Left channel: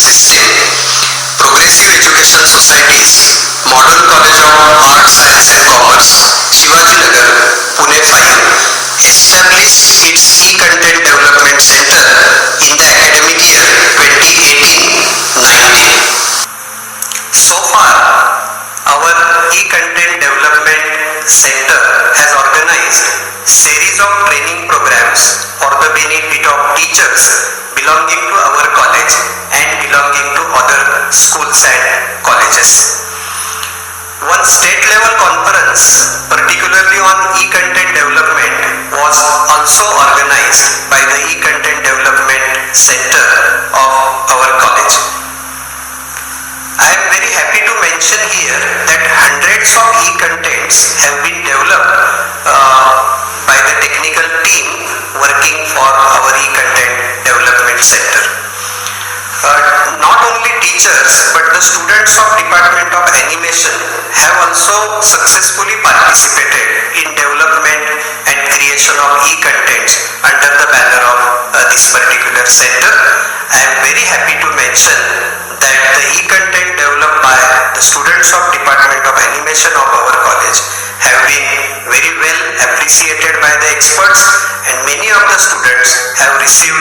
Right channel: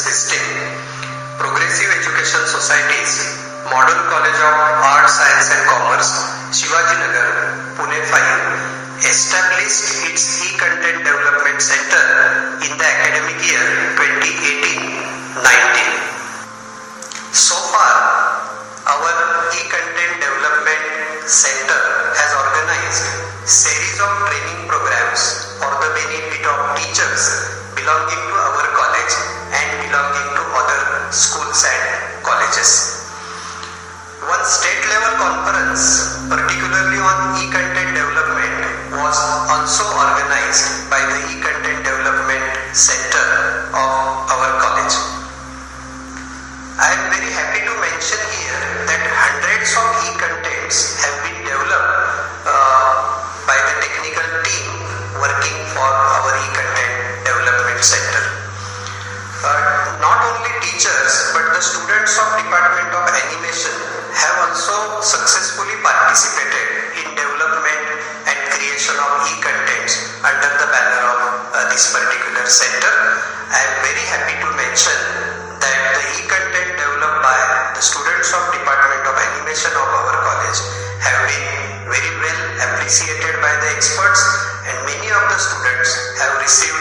system, Progressive Education Societies, Model College of Art, Science and Commerce, Shivajinagar, Pune 5, established its e-content development center in the academic year 2018-19. So far, our e-content development center has organized series of training programs for the benefit of teachers belonging to our college and belonging to other schools and colleges. One state level conference, particularly on e-content development, was also organized by the e-content development center of our college. I am very happy to mention here that hundreds of e-contents have been developed by the technical team working for our e-content development center. Not only teachers but the students of Department of Animation have also successfully participated in development and creation of e-contents under the banner of this particular center. I am very happy to mention that the e-content developed by the students of Department of Animation of our college have been very well appreciated by the experts, and many of the students have received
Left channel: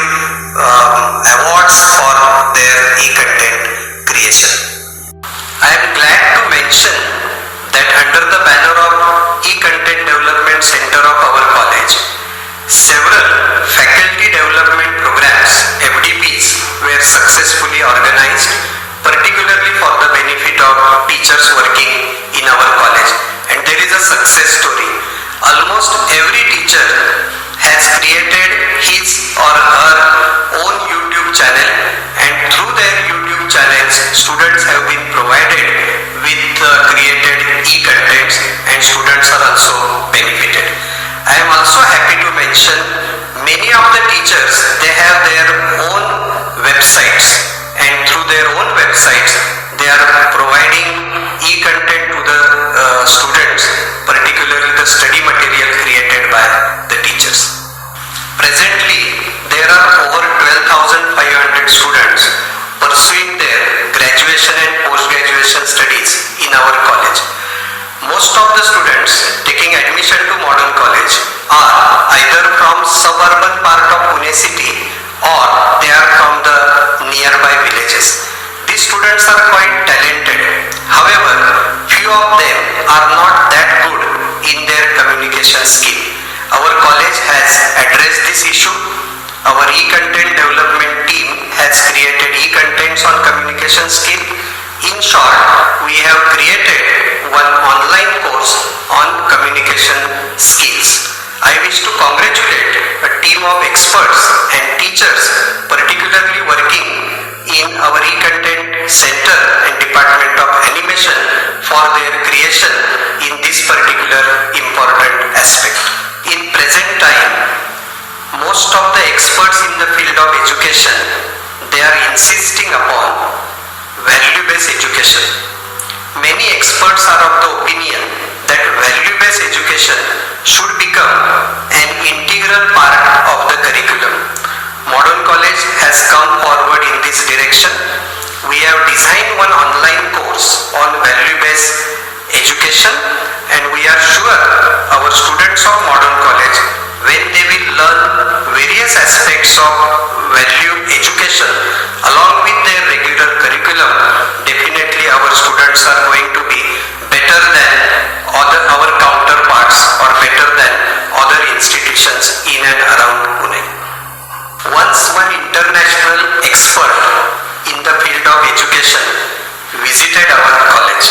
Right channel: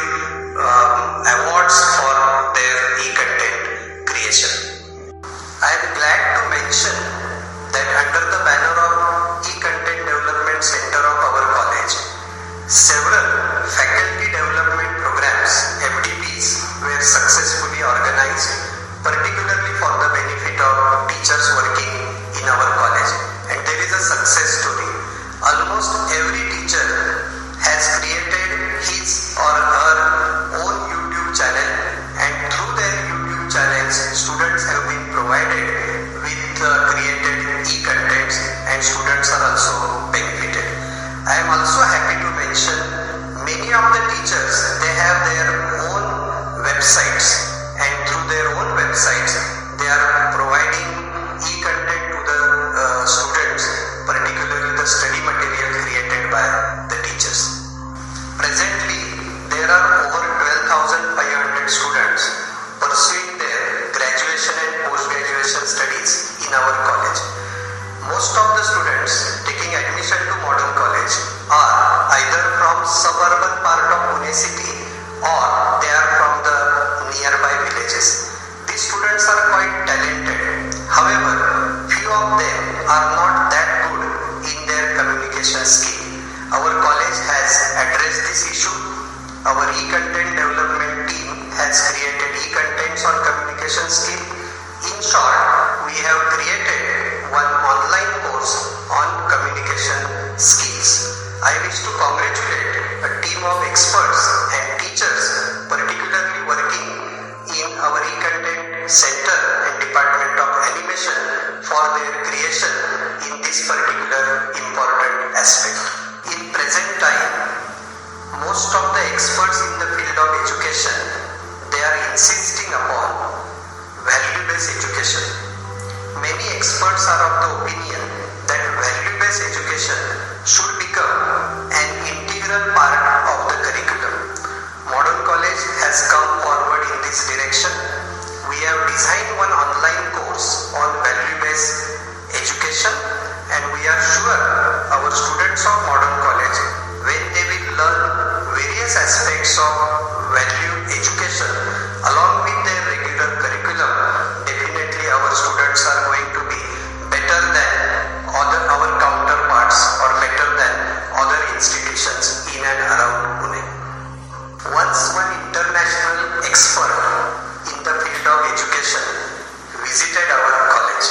awards for their e-content creation. I am glad to mention that under the banner of e-content development center of our college, several faculty development programs, FDPs, were successfully organized, particularly for the benefit of teachers working in our college. And there is a success story. Almost every teacher has created his or her own YouTube channel, and through their YouTube channels, students have been provided with created e-contents, and students are also benefited. I am also happy to mention many of the teachers, they have their own websites, and through their own websites they are providing e-content to the students, particularly the study material created by the teachers. Presently there are over 12,500 students pursuing their graduation and post-graduation studies in our college. Most of the students taking admission to Modern College are either from suburban part of Pune city or they are from the nearby villages. These students are quite talented. However, few of them are not that good in their communication skill. Our college has addressed this issue. Our e-content development team has created e-contents on communication skill. In short, we have created one online course on communication skills. I wish to congratulate a team of experts and teachers, particularly working in our e-content center and Department of Animation, for their creation in this particular important aspect. In present time, most of the experts in the field of education, they are insisting upon value-based education. Many experts are of the opinion that value-based education should become an integral part of the curriculum. Modern College has come forward in this direction. We have designed one online course on value-based education, and we are sure our students of Modern College, when they will learn various aspects of value education along with their regular curriculum, definitely our students are going to be better than our counterparts or better than other institutions in and around Pune. Once one international expert in the field of education visited our college.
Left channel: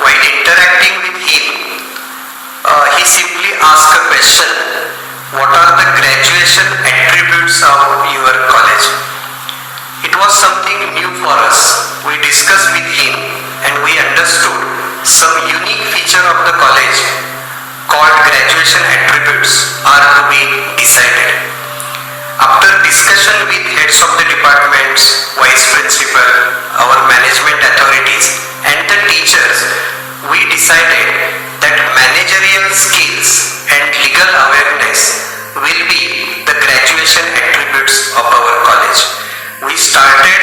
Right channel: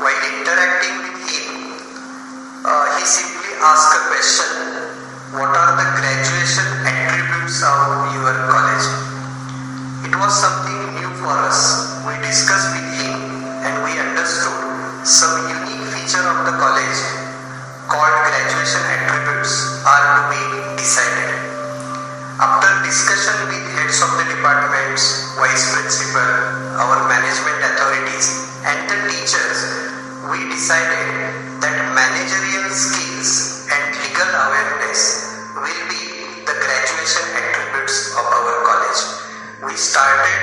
While interacting with him, he simply asked a question: what are the graduation attributes of your college? It was something new for us. We discussed with him and we understood some unique feature of the college called graduation attributes are to be decided. After discussion with heads of the departments, vice principal, our management authorities and the teachers, we decided that managerial skills and legal awareness will be the graduation attributes of our college. We started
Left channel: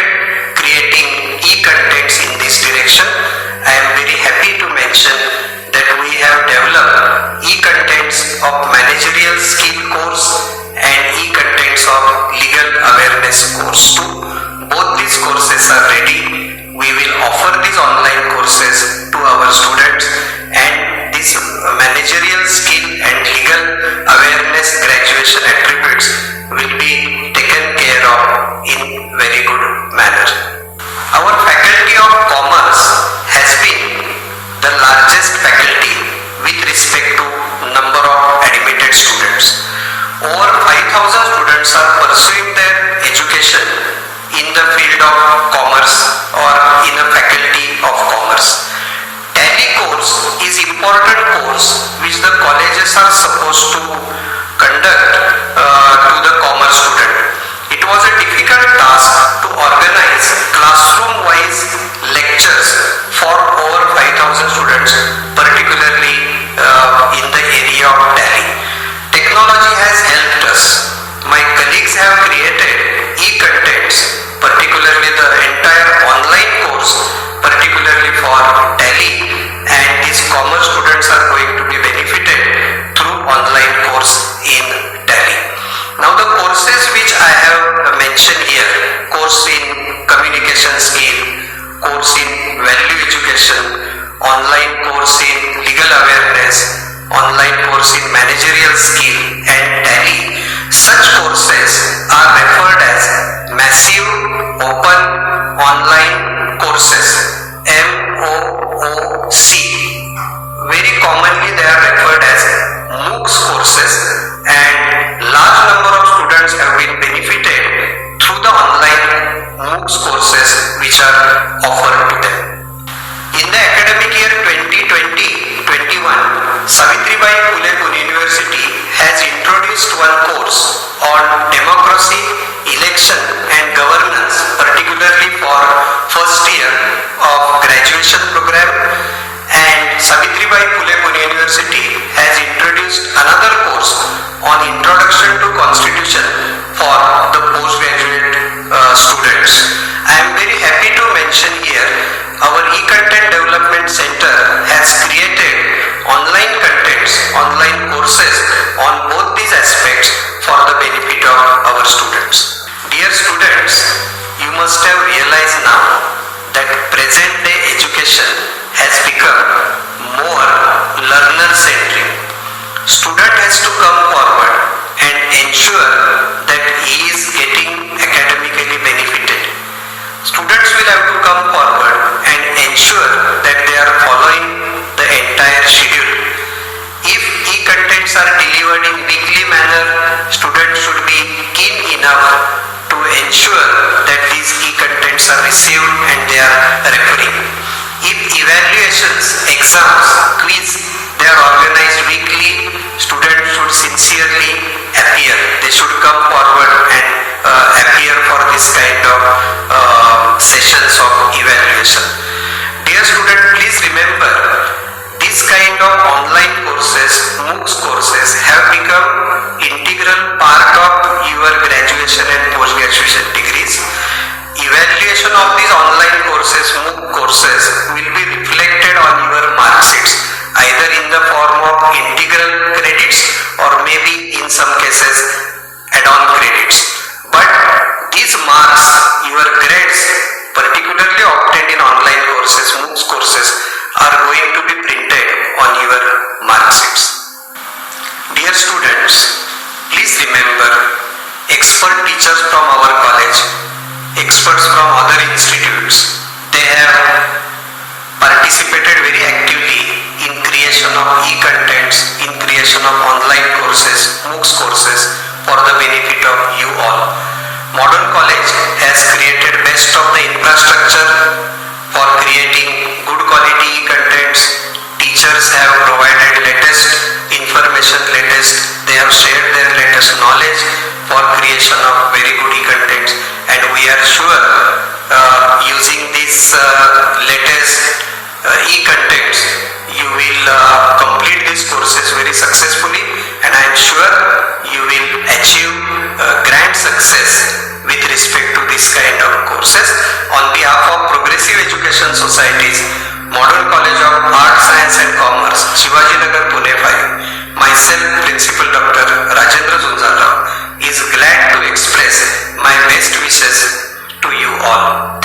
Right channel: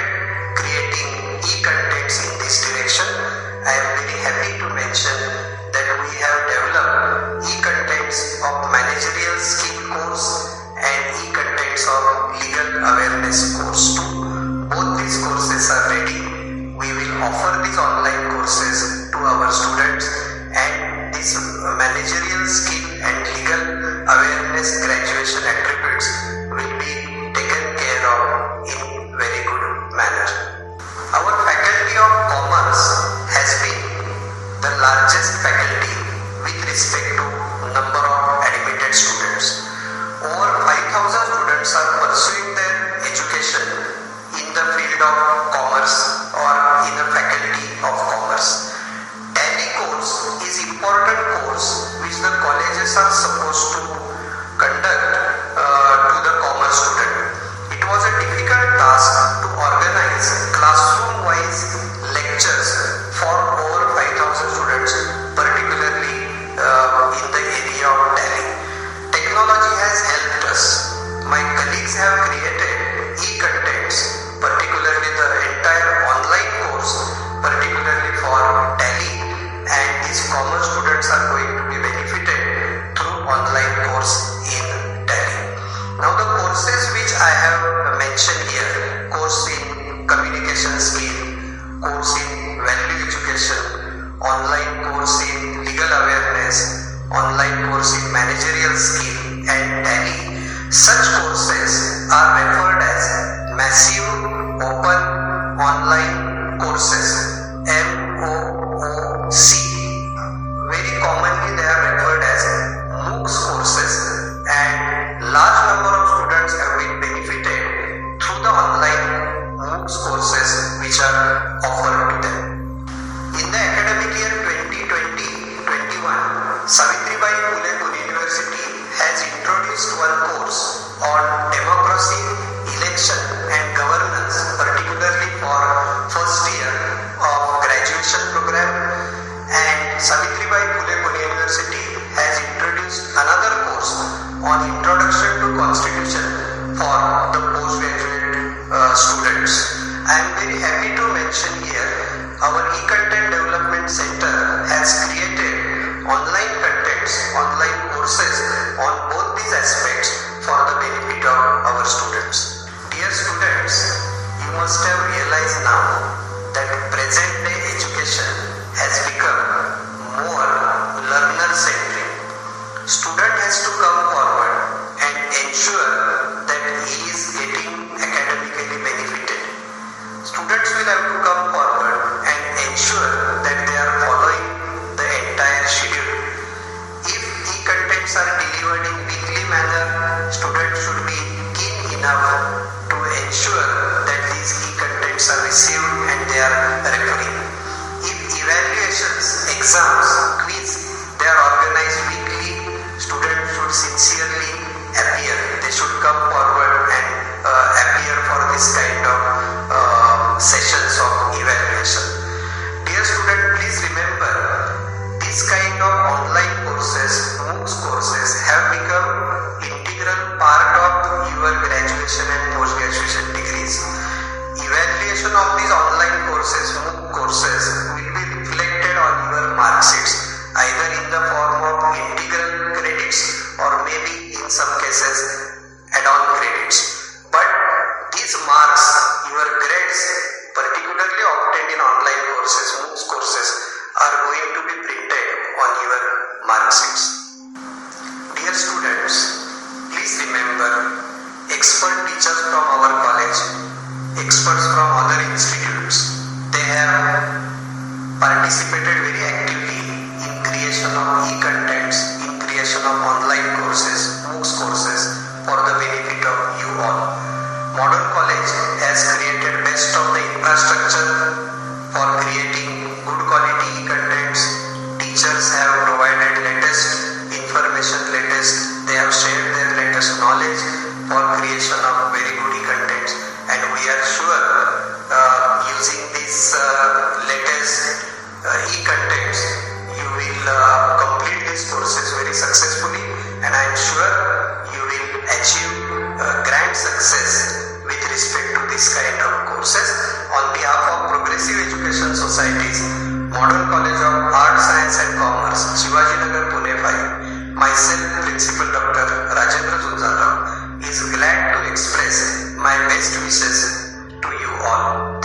mention that we have developed e-contents of managerial skill course and e-contents of legal awareness course too. Both these courses are ready. We will offer these online courses to our students, and this managerial skill and legal awareness graduation attributes will be taken care of in very good manner. Our Faculty of Commerce has been the largest faculty with respect to number of admitted students. Over 5,000 students are pursuing their education in the field of commerce or in a faculty of commerce. Tally course is important course which the colleges are supposed to conduct to the commerce student. It was a difficult task to organize classroom-wise lectures for over 5,000 students, particularly in the area of Tally. Technology has helped us. My colleagues have created e-contents, particularly the entire online course, particularly for Tally, and these commerce students are going to be benefited through online course in Tally. Now the courses which I have mentioned here, course in communication skill, course in value education, online course in legal awareness, online course in managerial skill and Tally, such courses are referred as massive open online courses, MOOC. Very commonly they are referred as MOOCs courses, and large number of students have been benefited through the online MOOCs courses which are offered to them. In the academic year 2020-21, Savitribai Phule Pune University has introduced one course on democracy, election and governance, particularly for first year of graduation program, and Savitribai Phule Pune University has introduced another course on introduction to constitution for the postgraduate students. I am very happy to mention here our e-content development center has created online contents, online courses on both these aspects for the benefit of our students. Dear students, you must have realized now that present day education has become more learner centric. Student has to come forward and ensure that he is getting academically benefited. Students will have to come forward and ensure that they are following the entire schedule. If e-contents are delivered in weekly manner, students should be keen enough to ensure that these e-contents are received and they are referring. If evaluations, exams, quiz, they are organized weekly, students should sincerely appear. They should come forward and appear for this kind of sessions of evaluation. Dear student, please remember, this kind of online courses, MOOCs courses have become integral part of your graduation and post-graduation degrees. Evaluation of these online courses, MOOC courses, will be reflected on your mark sheets, either in the form of integral credits or maybe in some cases add-on credits. But these marks, your grades, particularly obtained in online courses, MOOCs courses, are going to be printed on your mark sheets. Dear students, please remember, expert teachers from our college, experts from other institutes, they have participated very actively in creation of e-contents, in creation of online courses, MOOCs courses for the benefit of you all. Modern College has created best of the infrastructure for creating good quality e-contents. Teachers have provided latest information, they have shared their latest knowledge for creation of very good e-contents, and we are sure using these latest e-contents you will complete these courses very successfully, and I am sure you will achieve grand success with respect to this kind of courses. On behalf of Progressive Education Societies, Modern College of Arts, Science best wishes to you all.